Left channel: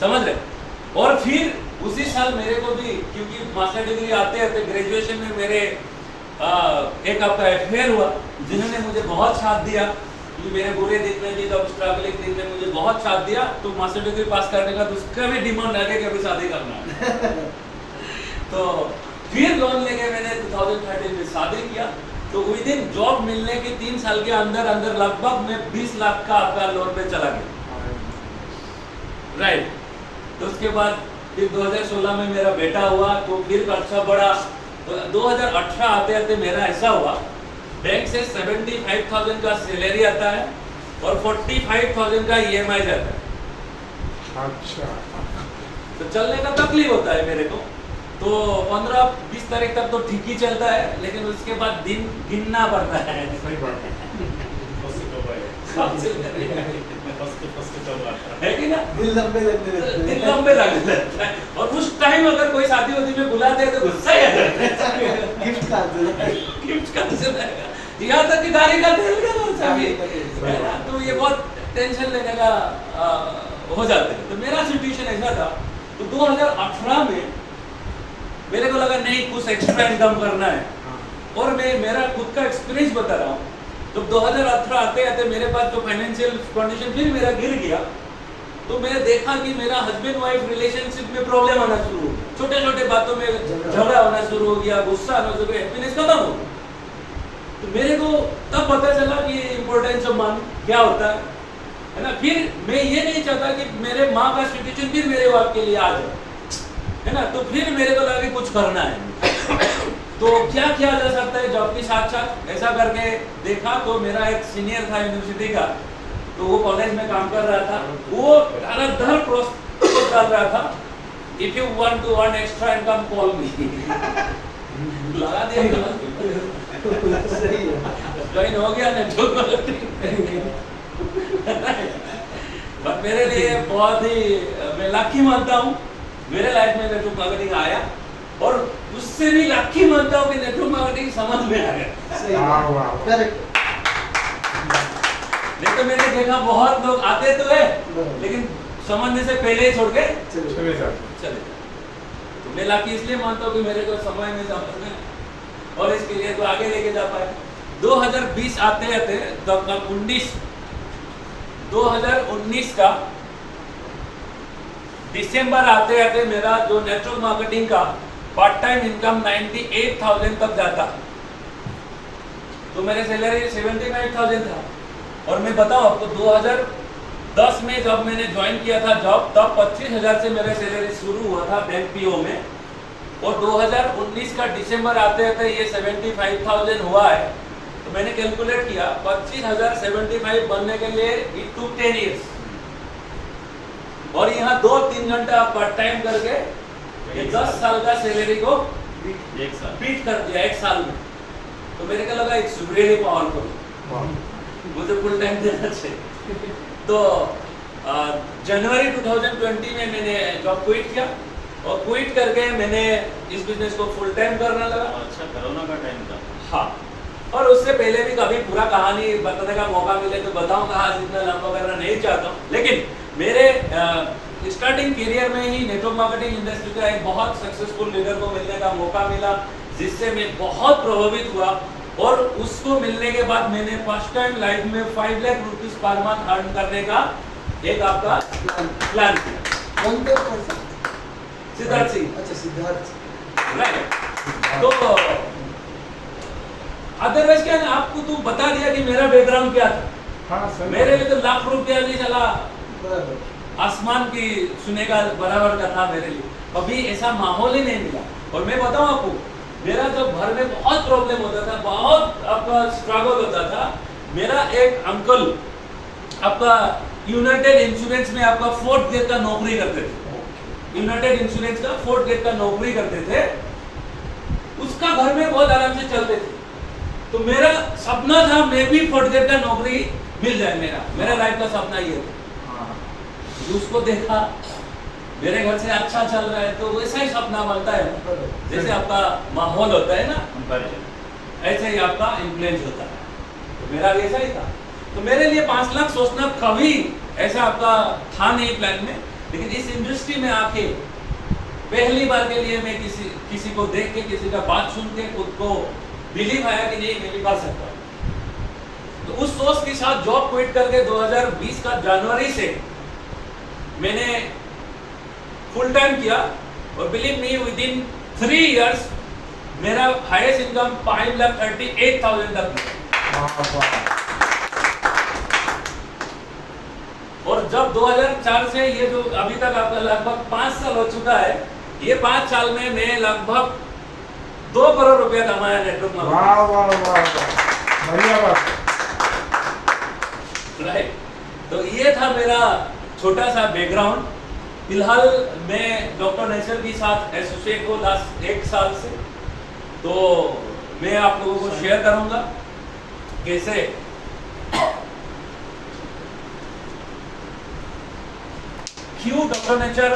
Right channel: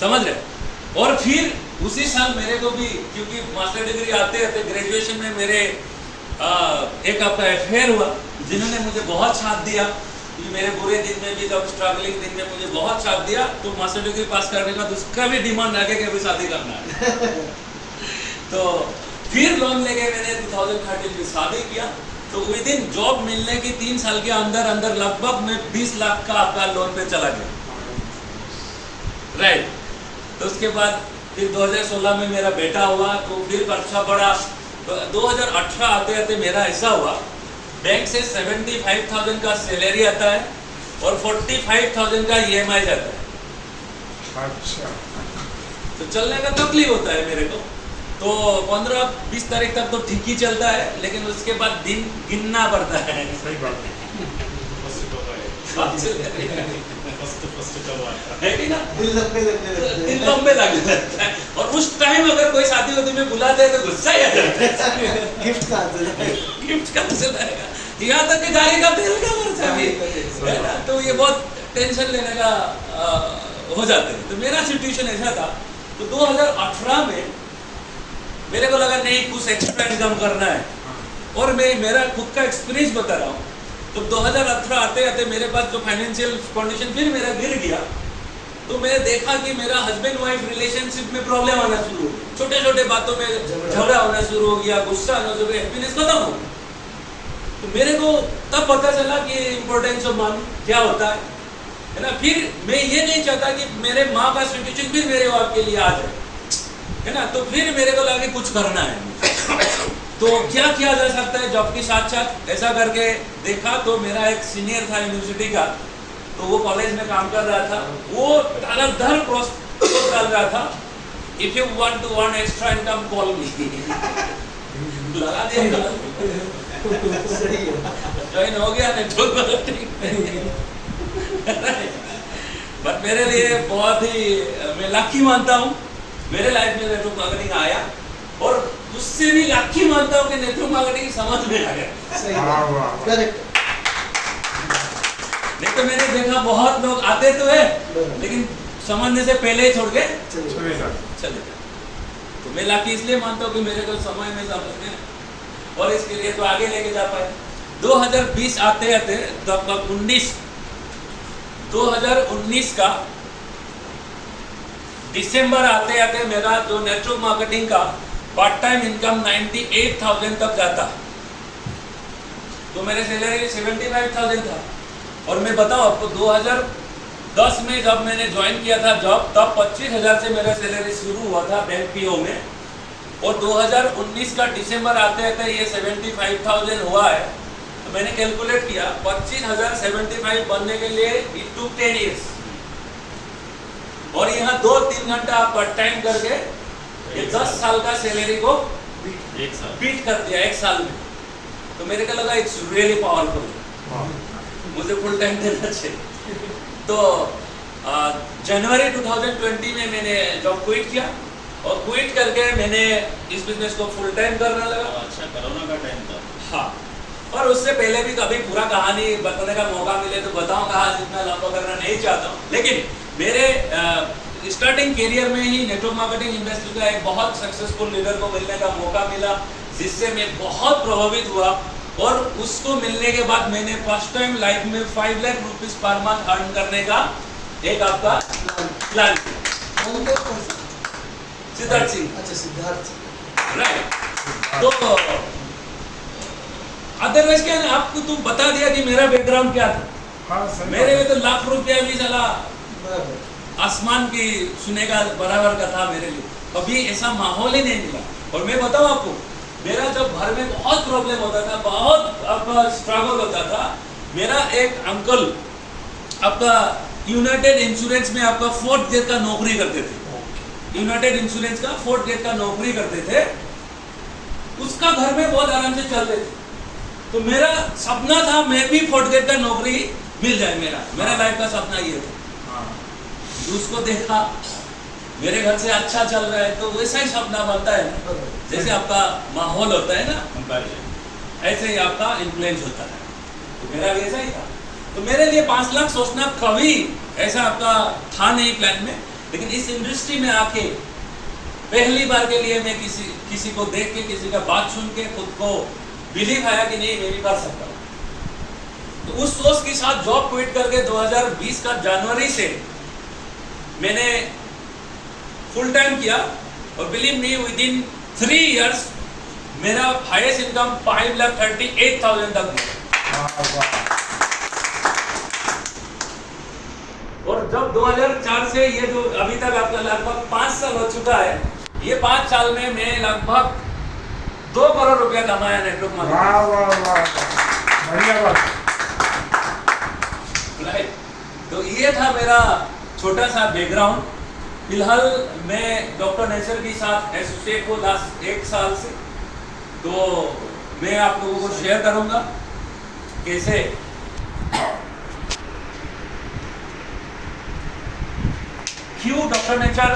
समझ रहे? और फिर उसी साल मेरे को भी, क्योंकि मास्टर डिग्री आते आते ग्रेजुएशन में मेरे एक आपका अफेयर हुआ, जिन्होंने मुझे बहुत साथ दिया, मेरे बुरे दिन में भी, जब स्ट्रगलिंग दिन में मुझे बहुत साथ दिया। तो मास्टर डिग्री पास करने का तो उसका भी डिमांड आगे कि अभी शादी करना है। तो फिर लोन लेके मैंने 2013 में शादी किया। तो विद इन जॉब मिलने की 3 साल के अंदर अंदर लगभग मैं 20 लाख का आपका लोन पे चला गया, राइट। तो उसके बाद फिर 2016 में मेरा बेटा हुआ, तो फिर खर्चा बढ़ा। तो 2018 आते आते मेरा ऐसा हुआ, बैंक से 75,000 का सैलरी आता है और 45,000 का EMI जाता है। अच्छा। तो चलने का तकलीफ होता है मेरे को। तो 15-20 तारीख तक तो ठीक ही चलता है, लेकिन उसके बाद दिन गिनना पड़ता है। सही बात है। है कि ना? दिल लंबे लगने लगते हैं। और उस टाइम अगर कोई शादी होती में बुलाते हैं तो गुस्सा ही आ जाता है। गिफ्ट कैंसिल है। गिफ्ट कैंसिल आएगा, यहाँ तक कि गाड़ी का तेल का खर्चा भी है ना। तो ये बहुत टेंशन लेने का हो जाते हैं। तो मेरा सिचुएशन ऐसा था। तो 2018 में मेरे को लगा नहीं, कुछ एक्स्ट्रा इनकम करना है। और मैं मेरा खुद का एक्सपीरियंस बता रहा हूँ। तो 2018 आते आते मेरे पास जो फाइनेंशियल कंडीशन फिर मेरा गिर गया। तो मैं देखा कि मेरा हस्बैंड वाइफ रिलेशनशिप में प्रॉब्लम आना शुरू हो गई, छोटे छोटे बातों में झगड़ा होना शुरू हो गया, गुस्सा आना शुरू हो गया, हैप्पीनेस खत्म हो गई। तो मेरे को तब पता चला कि इम्पोर्टेंस ऑफ मनी क्या होता है ना। फिर मैं ये नहीं चाहता कि मेरे माँ का सिचुएशन फिर मेरे बाप के लिए आ जाए, है ना। तो फिर मेरे को लगा कि कुछ करना है। तो क्या किया जा सकता है जॉब के साथ साथ, ऐसा करके देखा। तो मेरा एक सीनियर था यूनिवर्सिटी का, तो वो कॉलेज में काम कर रहा था। वो धड़ाधड़ प्रोसेस चल रहा था, if you want to earn extra income call me. लगा दिया, सही है। ज्वाइन हो गया नेटवर्क मार्केटिंग। बट मेरे लिए बहुत ही, मैं लकी मानता हूँ मेरे लाइफ में नेटवर्क मार्केटिंग आया। और उससे भी लकी मानता हूँ कि नेटवर्क मार्केटिंग समझ में आ गया। सही है, करेक्ट। नहीं तो मैंने देखा बहुत लोग आते तो है, लेकिन समझने से पहले ही छोड़ के चले जाते। चले जाते। तो मैं लकी इसलिए मानता हूँ कि मेरे को समय में समझ में, और इसके लिए तो आगे लेके जा पाए। 2020 आते आते लगभग 2019 का दिसंबर आते आते मेरा जो नेटवर्क मार्केटिंग का पार्ट टाइम इनकम 98,000 तक जाता। तो मेरे सैलरी 75,000 था। और मैं बताऊं आपको, 2010 में जब मैंने ज्वाइन किया था जॉब, तब 25,000 से मेरा सैलरी शुरू हुआ था बैंक PO में। और 2019 का दिसंबर आते आते ये 75,000 हुआ है। तो मैंने कैलकुलेट किया, 25,000 75 बनने के लिए इट टुक 10 years। और यहाँ 2-3 घंटा आप पार्ट टाइम करके ये 10 साल का सैलरी को बीट कर दिया 1 साल में। तो मेरे को लगा इट्स रियली पावरफुल, मुझे फुल टाइम देना चाहिए। तो जनवरी 2020 में मैंने जॉब क्विट किया। और क्विट करके मैंने इस बिजनेस को फुल टाइम करने लगा। अच्छा, कोरोना का टाइम था। हाँ, और उससे पहले भी कभी पूरा कहानी बताने का मौका मिले तो बताऊं, कहा जितना लंबा करना नहीं चाहता हूँ। लेकिन मेरे स्टार्टिंग करियर में ही नेटवर्क मार्केटिंग इंडस्ट्री का एक बहुत सक्सेसफुल लीडर को मिलने का मौका मिला, जिससे मैं बहुत प्रभावित हुआ। और उसको मिलने के बाद मैंने फर्स्ट टाइम लाइफ में 5 lakh rupees per month earn करने का एक आपका प्लान किया। कौन थे पर्सन? सिद्धार्थ सिंह। अच्छा, सिद्धार्थ, राइट। तो अदरवाइज क्या ना, आपको तुम बता दिया कि मेरा बैकग्राउंड क्या था। हाँ, सही मेरे बात में तो लाख रुपया भी चला बराबर। आसमान की सुने का बराबर का था मेरे लिए। कभी ऐसा माहौल ही नहीं मिला। और मैं बताऊं आपको, मेरा जब घर में बहुत प्रॉब्लम होता था, बहुत आपका स्ट्रगल होता था, मेरा एक अंकल आपका यूनाइटेड इंश्योरेंस में आपका 4th ग्रेड का नौकरी करते थे। यूनाइटेड इंश्योरेंस का 4th ग्रेड का नौकरी करते थे। उसका घर में बहुत आराम से चलते थे। तो मेरा सपना था मैं भी 4th ग्रेड का नौकरी मिल जाए। मेरा लाइफ का सपना ये था। उसको देखा मेरे घर से अच्छा चल रहा है, तो वैसा ही सपना बनता है ना। जैसे आपका माहौल होता है ना, ऐसे ही आपका इन्फ्लुएंस होता है। तो मेरा भी ऐसा ही था। तो मेरे लिए 5 लाख सोचना कभी ऐसा आपका था नहीं प्लान में। लेकिन इस इंडस्ट्री में आके पहली बार के लिए मैं किसी को देख के, किसी का बात सुन के खुद को बिलीव आया कि नहीं मैं भी कर सकता हूँ। तो उस सोच के साथ जॉब क्विट करके 2020 का जनवरी से मैंने फुल टाइम किया और believe me with in 3 years मेरा हाईएस्ट इनकम 5,38,000 तक गया। और जब 2004 से ये जो अभी तक आपका लगभग 5 साल हो चुका है, ये 5 साल में मैं लगभग 2 करोड़ रुपया कमाया नेटवर्क मार्केटिंग। वाह वाह वाह वाह, बढ़िया बात। राइट, तो ये था मेरा छोटा सा बैकग्राउंड। फिलहाल मैं डॉक्टर नेचर के साथ एसोसिएट हूँ लास्ट 1 साल से, तो मैं आप लोगों को शेयर करूंगा कैसे क्यों डॉक्टर नेचर